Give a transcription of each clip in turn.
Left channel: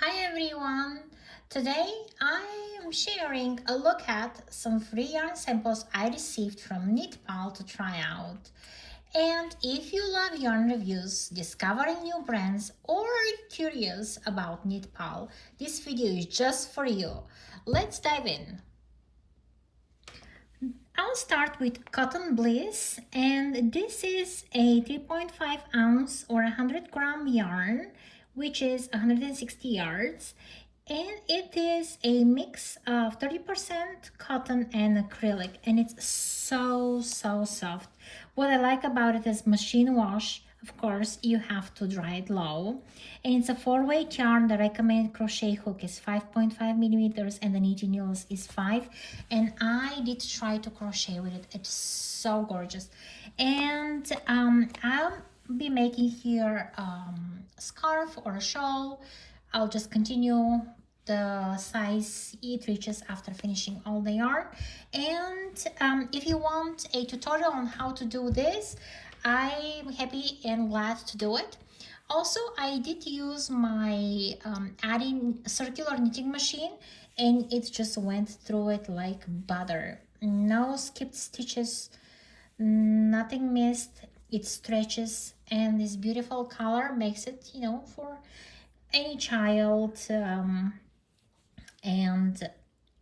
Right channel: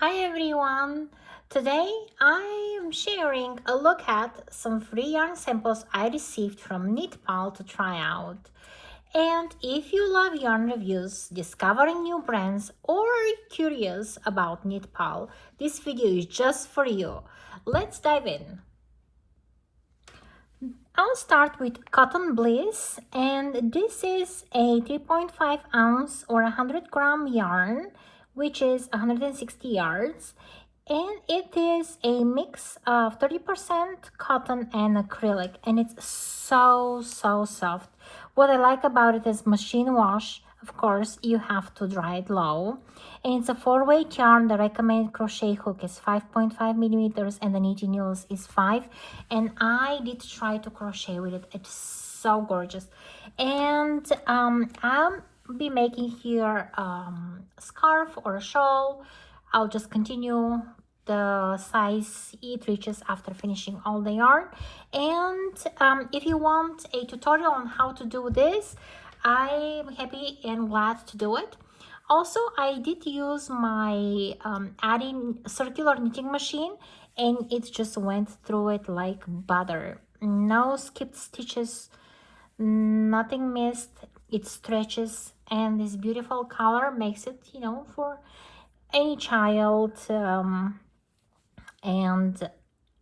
Hi everyone! Today I am sharing a look at some free yarn samples I received from KnitPal to try out. And if you love yarn reviews, discovering new brands, or curious about KnitPal, this video is just for you. Let's dive in. I'll start with Cotton Bliss, and this is a 3.5 ounce or 100 gram yarn, which is 160 yards. And it is a mix of 30% cotton and acrylic, and it's so soft. What I like about it is machine wash. Of course, you have to dry it low. And it's a 4-weight yarn. The recommended crochet hook is 5.5 millimeters and the knitting needles is 5. And I did try to crochet with it. It's so gorgeous. And I'll be making here a scarf or a shawl. I'll just continue the size it reaches after finishing all the yarn. And if you want a tutorial on how to do this, I'm happy and glad to do it. Also, I did use my adding circular knitting machine, and it just went through it like butter. No skipped stitches, nothing missed. It stretches, and this beautiful color makes it, for any child. And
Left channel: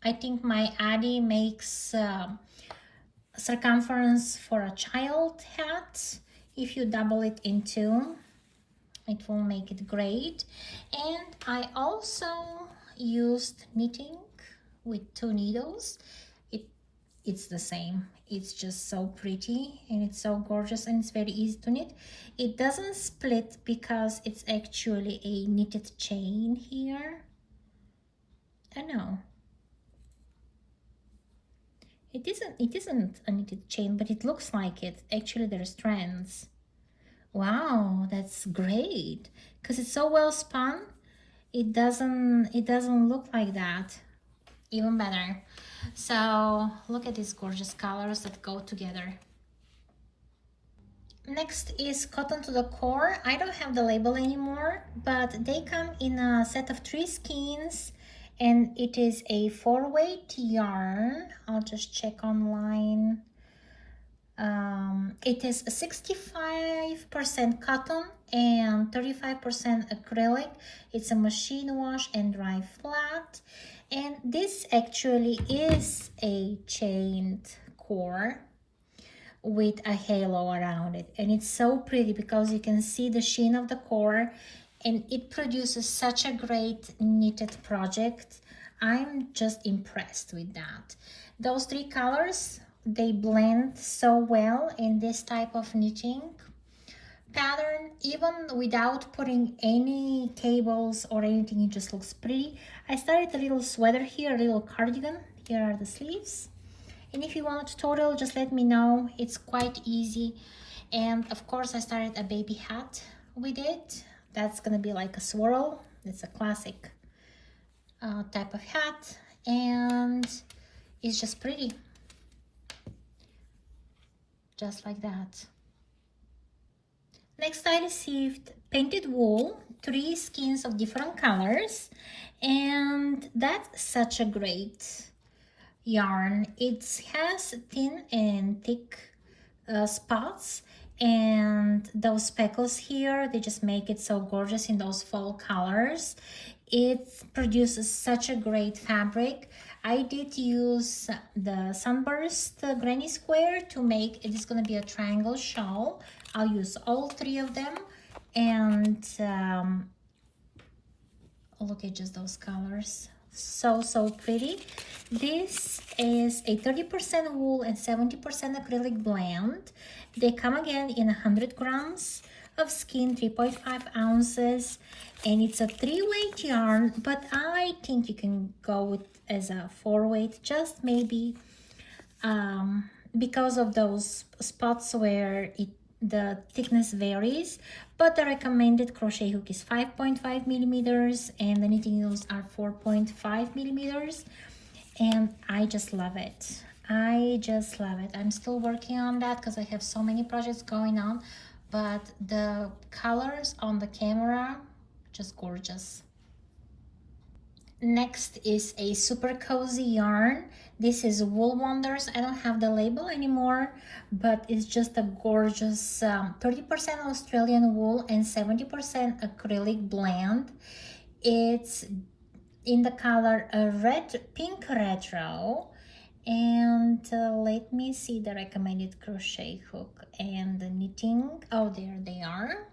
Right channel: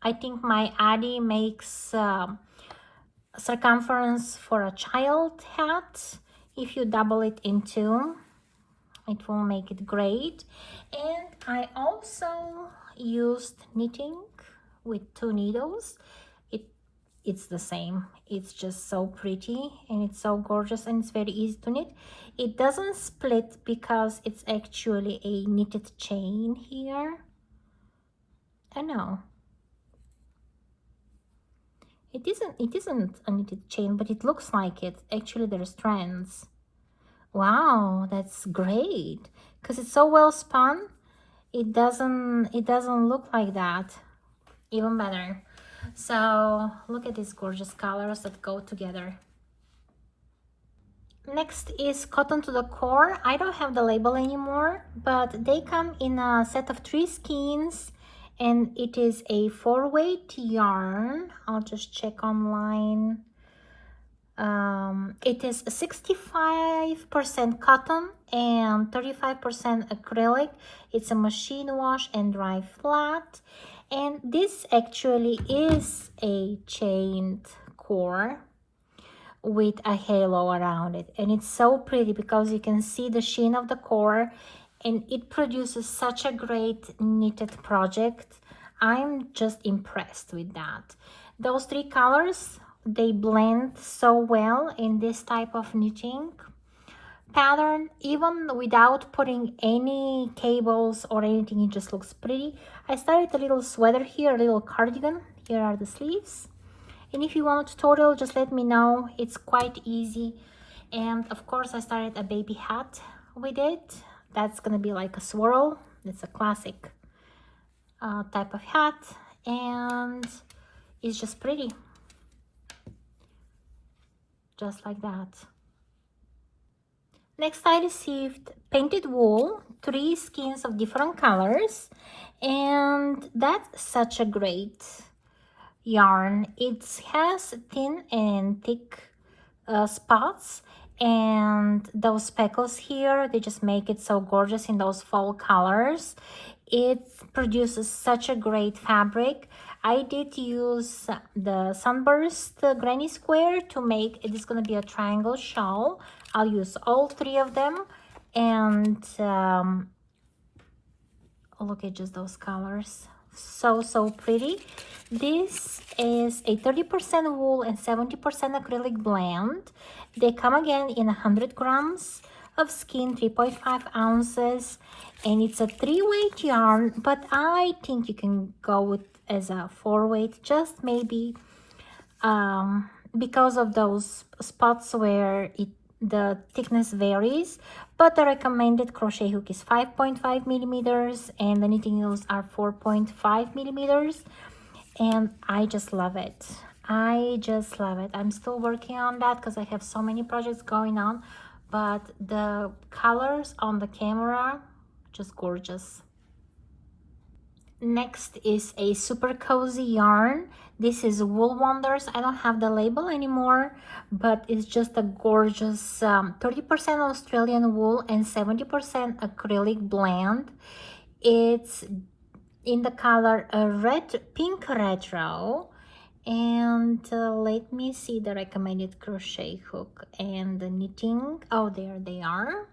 I think my Addy makes circumference for a child hat. If you double it in two, it will make it great. And I also used knitting with 2 needles. It's the same. It's just so pretty and it's so gorgeous, and it's very easy to knit. It doesn't split because it's actually a knitted chain here. I know it isn't a knitted chain, but it looks like it. Actually, there are strands. Wow, that's great, because it's so well spun. It doesn't look like that. Even better. So look at these gorgeous colors that go together. Next is Cotton to the Core. I don't have the label anymore, but they come in a set of 3 skeins, and it is a 4-weight yarn. I'll just check online. It is 65% cotton and 35% acrylic. It's a machine wash and dry flat. And this actually is a chained core with a halo around it, and it's so pretty because you can see the sheen of the core, and it produces such a great knitted project. I'm just impressed with that. Those 3 colors, they blend so well in this type of knitting pattern. Even without putting any cables or anything, it just looks pretty. I started a little sweater here, a little cardigan. Here are the sleeves. And if you want a tutorial, just let me know. It's quite easy. And of course, I started a baby hat with it. That's gonna be like a swirl. It's a classic type of hat, and it's just pretty, just like that. Next, I received painted wool, 3 skeins of different colors, and that's such a great yarn. It has thin and thick spots, and those speckles here, they just make it so gorgeous in those fall colors. It produces such a great fabric. I did use the Sunburst Granny Square to make it. Is going to be a triangle shawl. I'll use all 3 of them, and look at just those colors. So pretty. This is a 30% wool and 70% acrylic blend. They come again in 100 grams of skein, 3.5 ounces, and it's a 3-weight yarn, but I think you can go with as a 4-weight, just maybe because of those spots where the thickness varies. But the recommended crochet hook is 5.5 millimeters and the knitting needles are 4.5 millimeters, and I just love it. I just love it. I'm still working on that because I have so many projects going on, but the colors on the camera, just gorgeous. Next is a super cozy yarn. This is Wool Wonders. I don't have the label anymore, but it's just a gorgeous 30% Australian wool and 70% acrylic blend. It's in the color red pink retro. And let me see the recommended crochet hook and the knitting. Oh, there they are.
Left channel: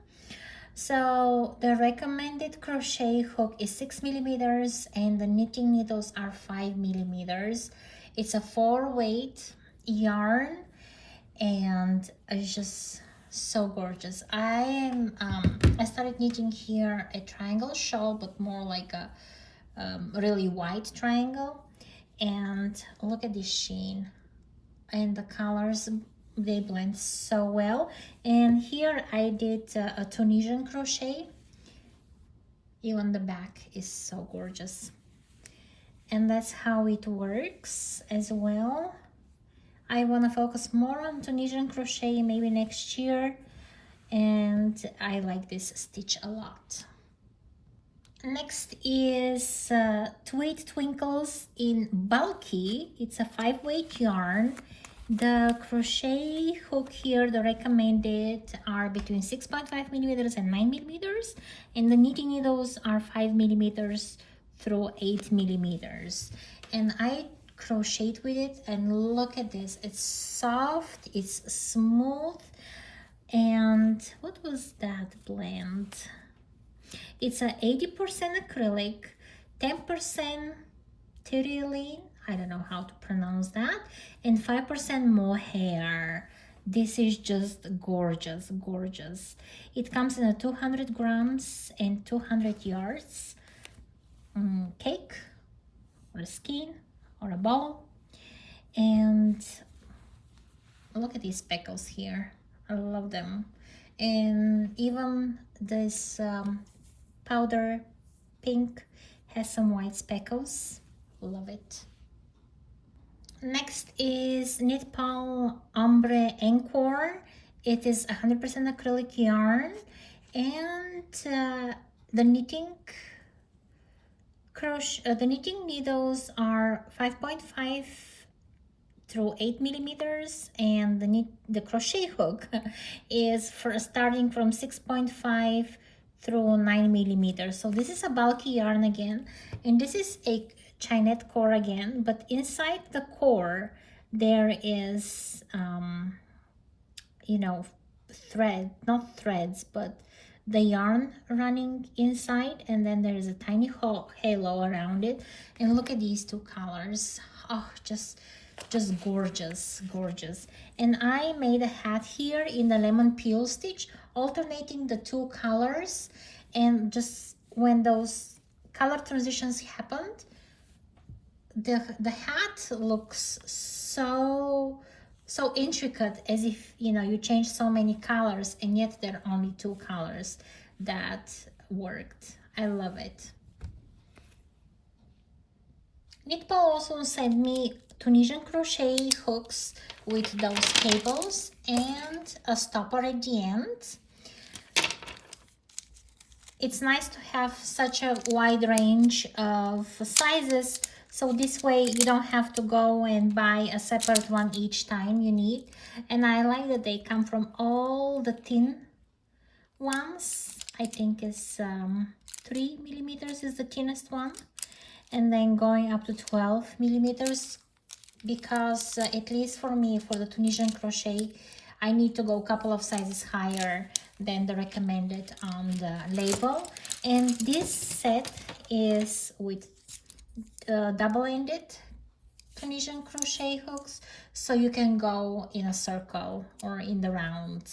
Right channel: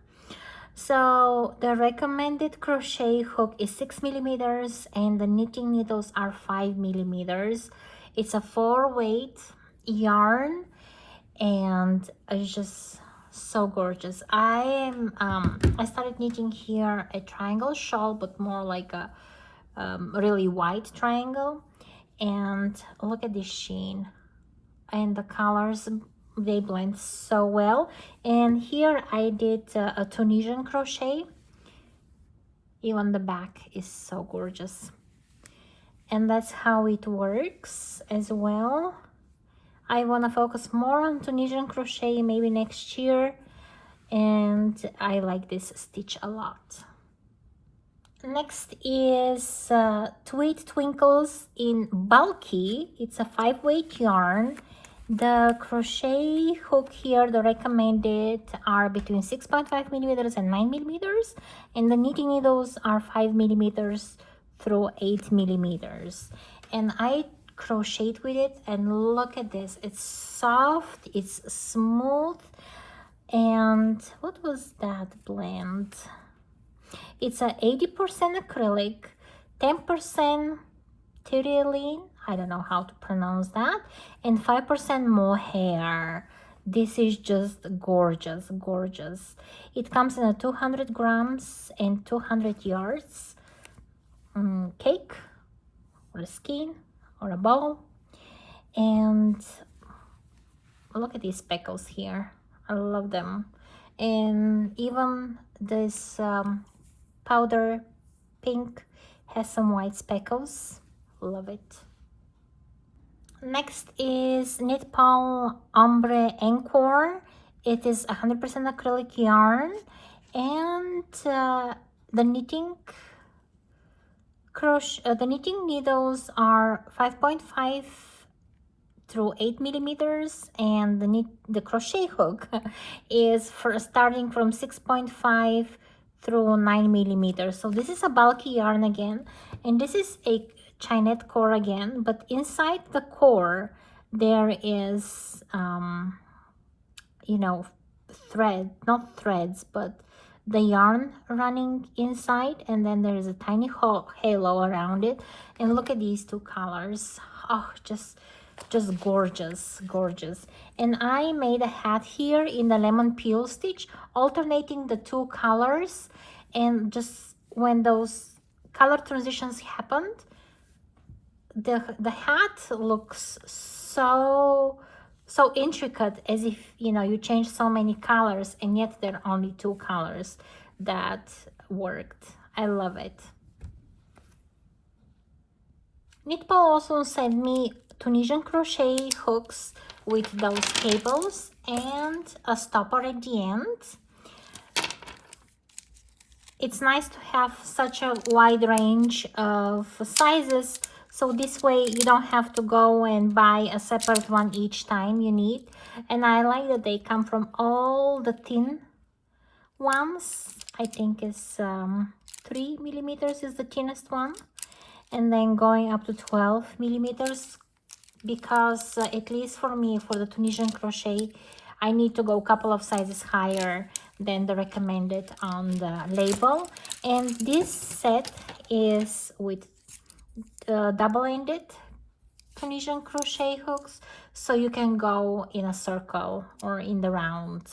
So the recommended crochet hook is 6 millimeters and the knitting needles are 5 millimeters. It's a 4-weight yarn and it's just so gorgeous. I started knitting here a triangle shawl, but more like a really wide triangle. And look at this sheen and the colors, they blend so well. And here I did a Tunisian crochet. Even the back is so gorgeous, and that's how it works as well. I want to focus more on Tunisian crochet maybe next year, and I like this stitch a lot. Next is Tweed Twinkles in Bulky. It's a 5-weight yarn. The crochet hook here, the recommended, are between 6.5 millimeters and 9 millimeters, and the knitting needles are 5 millimeters through 8 millimeters. And I crocheted with it, and look at this. It's soft, it's smooth, and what was that blend? It's a 80% acrylic, 10% terylene, I don't know how to pronounce that, and 5% mohair. This is just gorgeous, gorgeous. It comes in a 200 grams and 200 yards cake or a skein or a ball. And look at these speckles here. I love them. And even this powder pink has some white speckles. Love it. Next is KnitPal Ombre Encore. It is 100% acrylic yarn, and the knitting needles are 5.5 through 8 millimeters, and the crochet hook is starting from 6.5 through 9 millimeters. So this is a bulky yarn again, and this is a Chinette core again, but inside the core there is you know, not threads, but the yarn running inside, and then there is a tiny halo around it. And look at these two colors. Oh, just gorgeous, gorgeous. And I made a hat here in the lemon peel stitch, alternating the two colors, and just when those color transitions happened, the hat looks so intricate, as if, you know, you change so many colors, and yet there are only two colors. That worked. I love it. KnitPal also sent me Tunisian crochet hooks with those cables and a stopper at the end. It's nice to have such a wide range of sizes, so this way you don't have to go and buy a separate one each time you need. And I like that they come from all the thin ones. I think it's 3 millimeters is the thinnest one, and then going up to 12 millimeters, because at least for me, for the Tunisian crochet, I need to go a couple of sizes higher than the recommended on the label. And this set is with double-ended Tunisian crochet hooks, so you can go in a circle or in the round.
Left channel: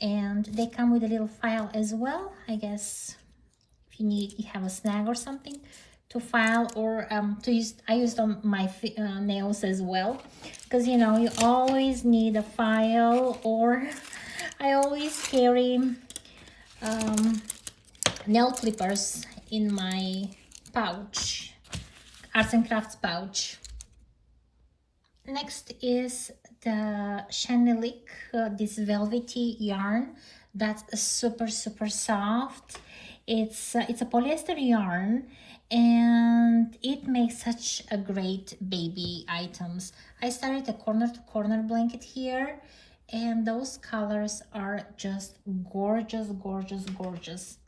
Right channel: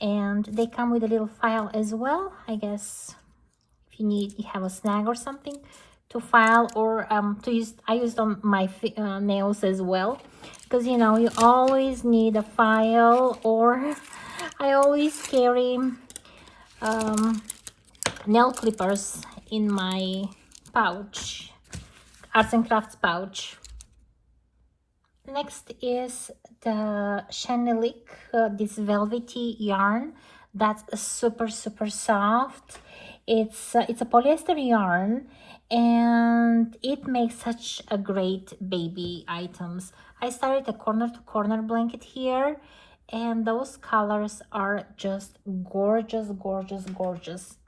And they come with a little file as well, I guess, if you have a snag or something to file, or to use. I used on my nails as well, because, you know, you always need a file, or I always carry nail clippers in my pouch, arts and crafts pouch. Next is the Chenillique, this velvety yarn that's super soft. It's a polyester yarn, and it makes such a great baby items. I started a corner to corner blanket here, and those colors are just gorgeous, gorgeous, gorgeous.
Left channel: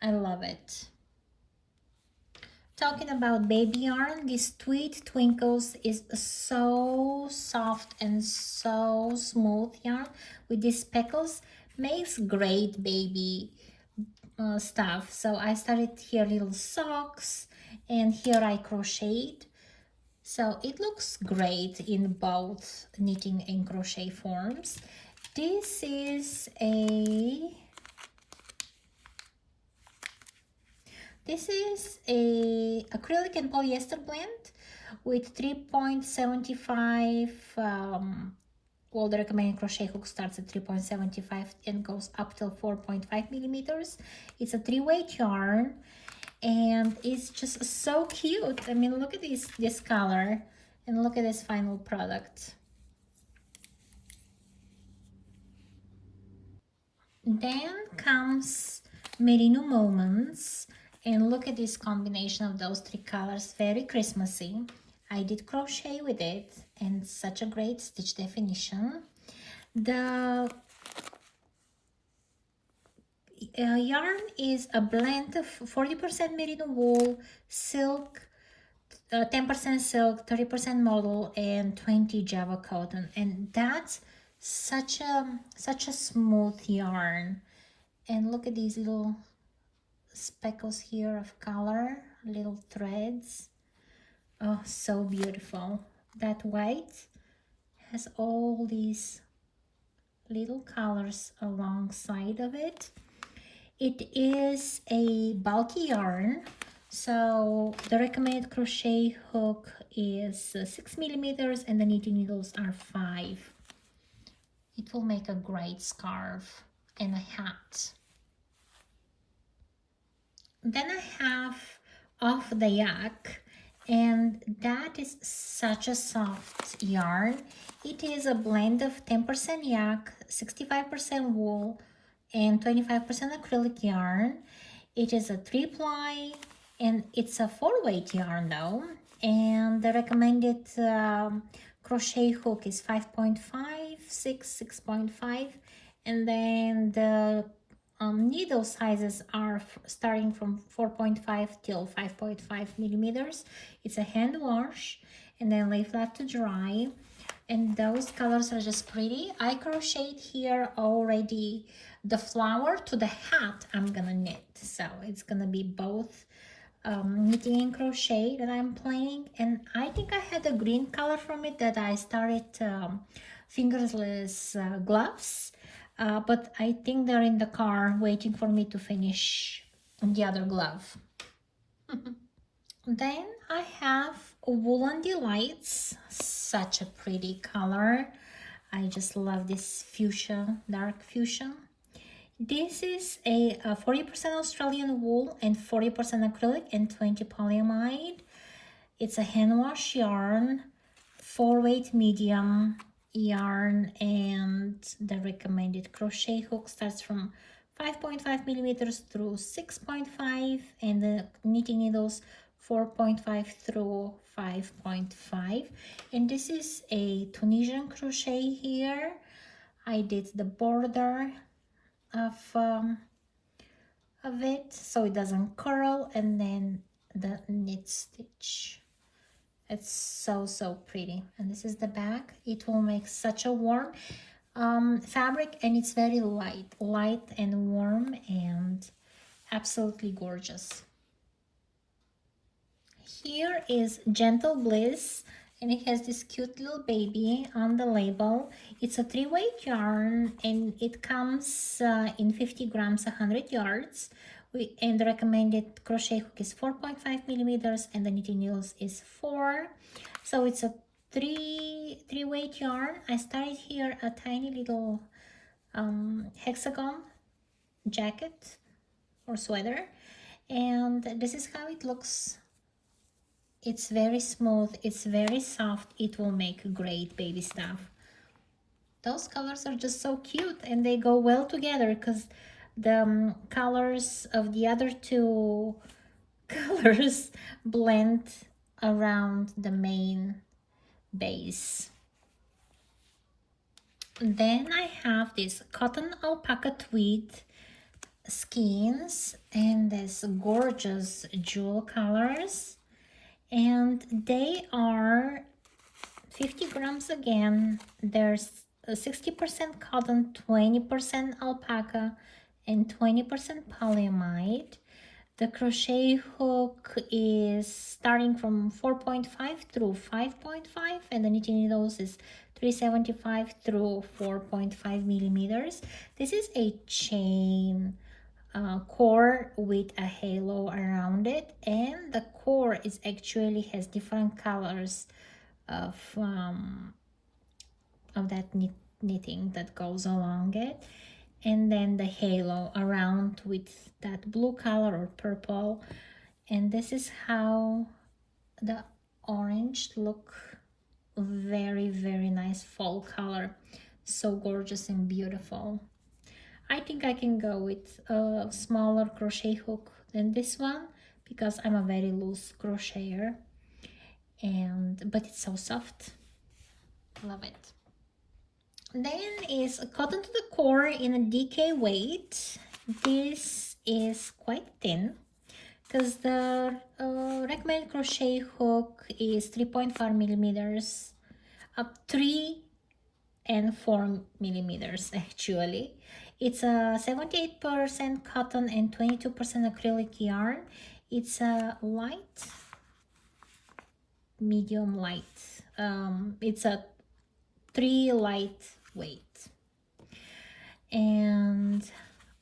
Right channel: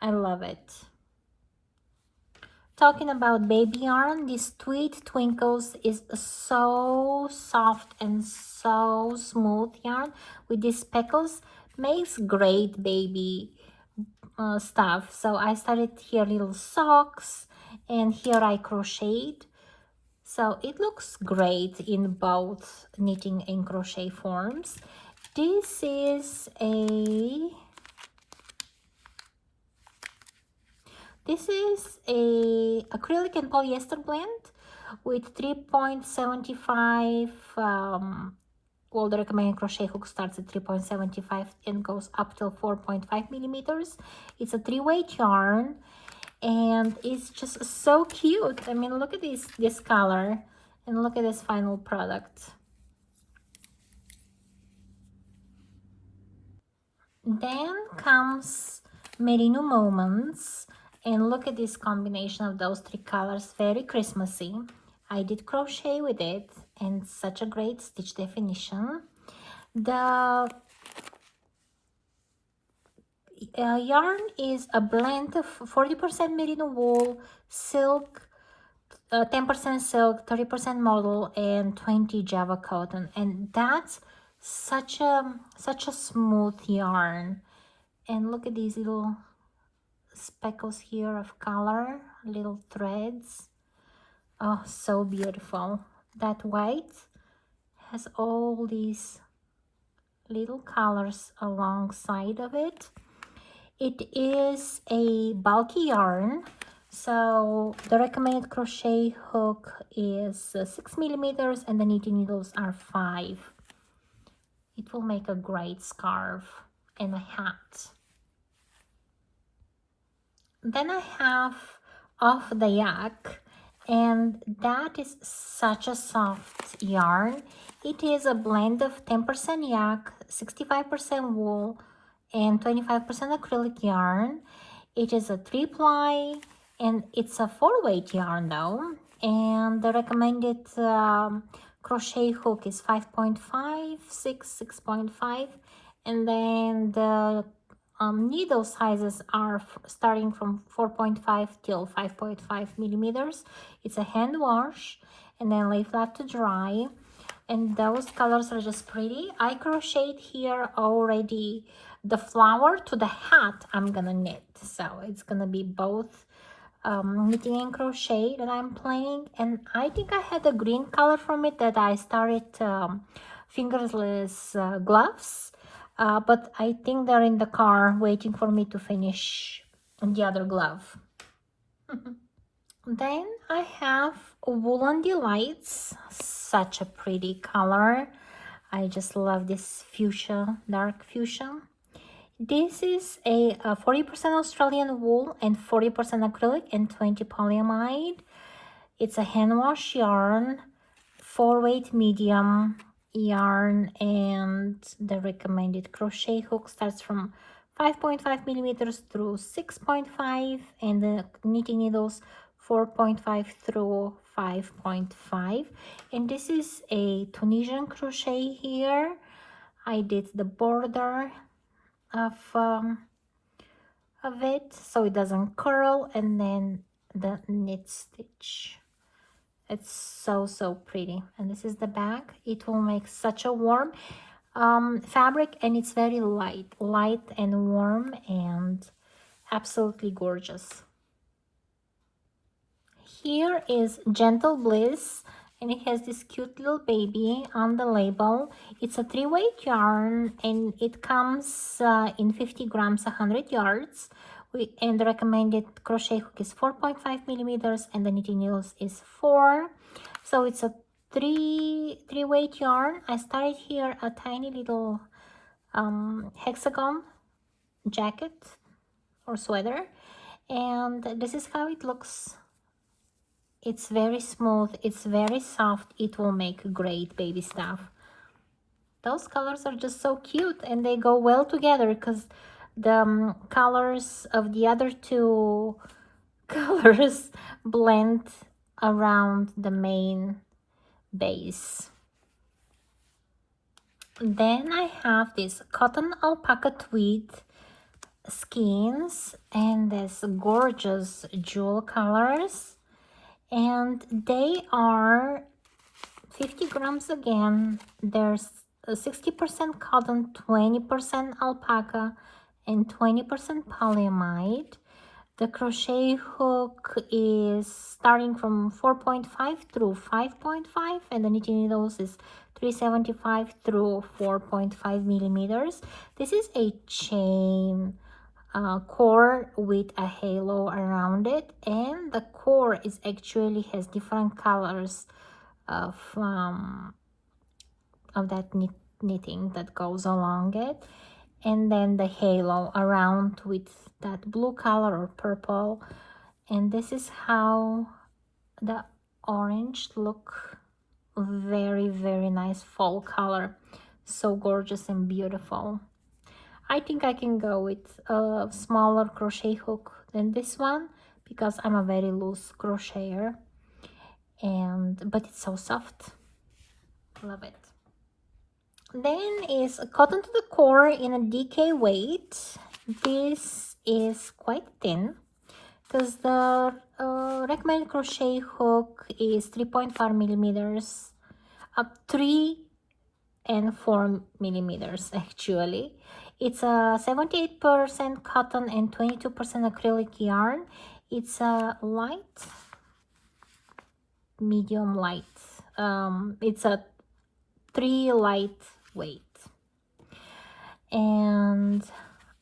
I love it. Talking about baby yarn, this Tweed Twinkles is so soft and so smooth yarn with these speckles. Makes great baby stuff. So I started here little socks, and here I crocheted. So it looks great in both knitting and crochet forms. This is a acrylic and polyester blend with 3.75. Well, the recommended crochet hook starts at 3.75 and goes up till 4.5 millimeters. It's a 3-weight yarn, and it's just so cute. I mean, look at this color, and look at this final product. Then comes Merino-Moments, and look at this combination of those 3 colors, very Christmassy. I did crochet with it, and such a great stitch definition. The yarn is a blend of 40% merino wool, silk, 10% silk, 30% modal, and 20 Java cotton, and that's such a smooth yarn. And look at these little speckles here of color, little threads. Oh, so beautiful. That white has all these little colors alongside of it. It is a bulky yarn, so the recommended crochet hook is 6 millimeters and the knitting needles are 5. It will make a great scarf and a hat. Then I have Off-The-Yak, and that is such a soft yarn. It is a blend of 10% yak, 65% wool, and 25% acrylic yarn. It is a 3-ply, and it's a 4-weight yarn though. And the recommended crochet hook is 5.5, 6.5, and then the needle sizes are starting from 4.5 till 5.5 millimeters. It's a hand wash, and then lay flat to dry. And those colors are just pretty. I crocheted here already the flower to the hat I'm gonna knit, so it's gonna be both knitting and crochet that I'm playing. And I think I had a green color from it that I started fingerless gloves, but I think they're in the car waiting for me to finish the other glove. Then I have Woolen Delights, such a pretty color. I just love this fuchsia, dark fuchsia. This is a 40% Australian wool and 40% acrylic and 20 polyamide. It's a hand wash yarn, 4-weight medium yarn, and the recommended crochet hook starts from 5.5 millimeters through 6.5, and the knitting needles 4.5 through 5.5. And this is a Tunisian crochet here. I did the border of it so it doesn't curl, and then the knit stitch. It's so pretty. And this is the back. It will make such a warm fabric, and it's very light and warm and absolutely gorgeous. Here is GentleBliss, and it has this cute little baby on the label. It's a 3-weight yarn, and it comes in 50 grams, 100 yards. And the recommended crochet hook is 4.5 millimeters, and the knitting needles is 4. So it's a 3-weight yarn. I started here a tiny little hexagon jacket or sweater, and this is how it looks. It's very smooth, it's very soft. It will make great baby stuff. Those colors are just so cute, and they go well together because the colors of the other two colors blend around the main base. Then I have this cotton alpaca tweed skeins, and there's gorgeous jewel colors, and they are 50 grams again. There's 60% cotton, 20% alpaca, and 20% polyamide. The crochet hook is starting from 4.5 through 5.5, and the knitting needles is 375 through 4.5 millimeters. This is a chain core with a halo around it, and the core is actually has different colors of that knitting that goes along it, and then the halo around with that blue color or purple. And this is how the orange look. Very, very nice fall color, so gorgeous and beautiful. I think I can go with a smaller crochet hook than this one because I'm a very loose crocheter, but it's so soft. Love it. Then is cotton to the core in a DK weight. This is quite thin because the recommended crochet hook is 3.5 millimeters, up 3 and 4 millimeters actually. It's a 78% cotton and 22% acrylic yarn. It's a light, medium light. It's a 3 lightweight. And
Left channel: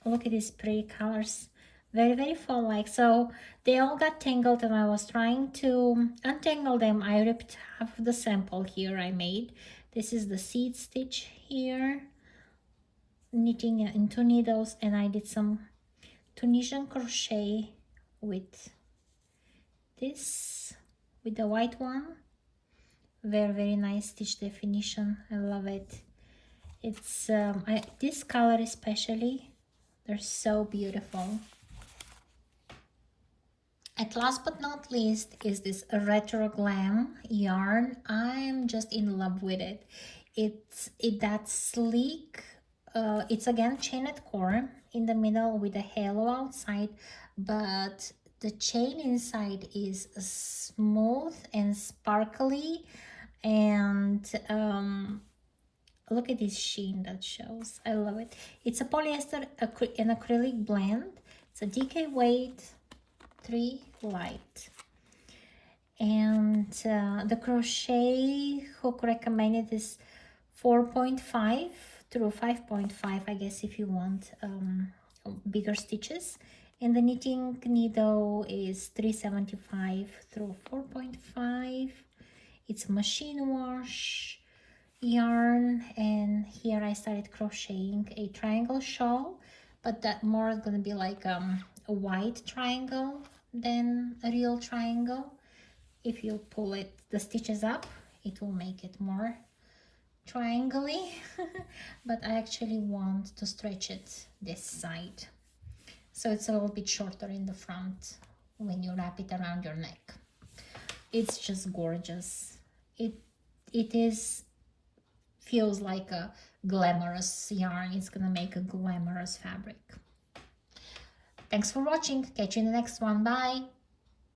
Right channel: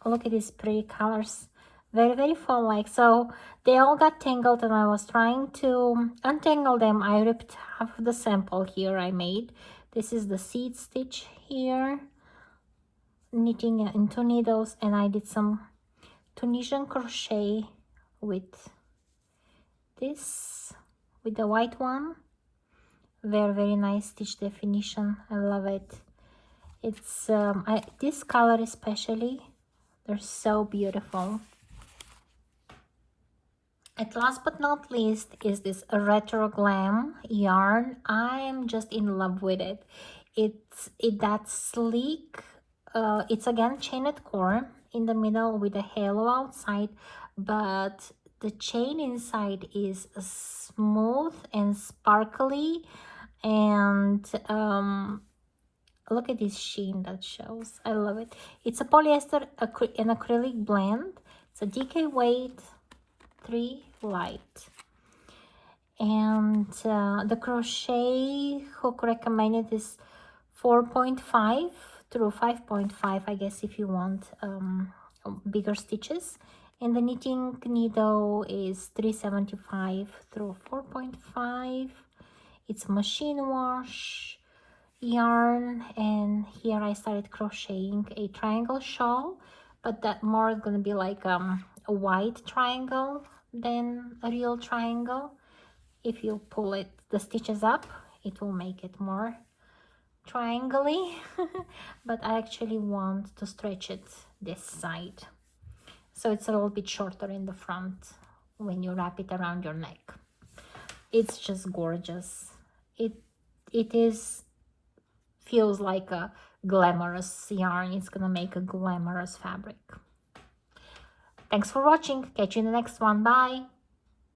look at these pretty colors. Very, very fall-like. So they all got tangled, and I was trying to untangle them. I ripped half of the sample here I made. This is the seed stitch here, knitting into needles, and I did some Tunisian crochet with this, with the white one. Very, very nice stitch definition. I love it. It's this color especially, they're so beautiful. At last but not least is this Retro-Glam yarn. I'm just in love with it. It's that sleek. It's again chained core in the middle with a halo outside, but the chain inside is smooth and sparkly, and look at this sheen that shows. I love it. It's a polyester and acrylic blend. It's a DK weight, 3 light, and the crochet hook recommended is 4.5 through 5.5, I guess, if you want bigger stitches, and the knitting needle is 375 through 4.5. It's machine wash yarn, and here I started crocheting a triangle shawl, but that more is going to be like a white triangle than a real triangle. If you pull it, the stitches up, it will make it more triangle-y. But I actually want to stretch it this side, so it's a little bit shorter in the front when you wrap it around your neck. It's just gorgeous. Feels like a glamorous yarn. It's gonna make a glamorous fabric. Thanks for watching. Catch you in the next one. Bye.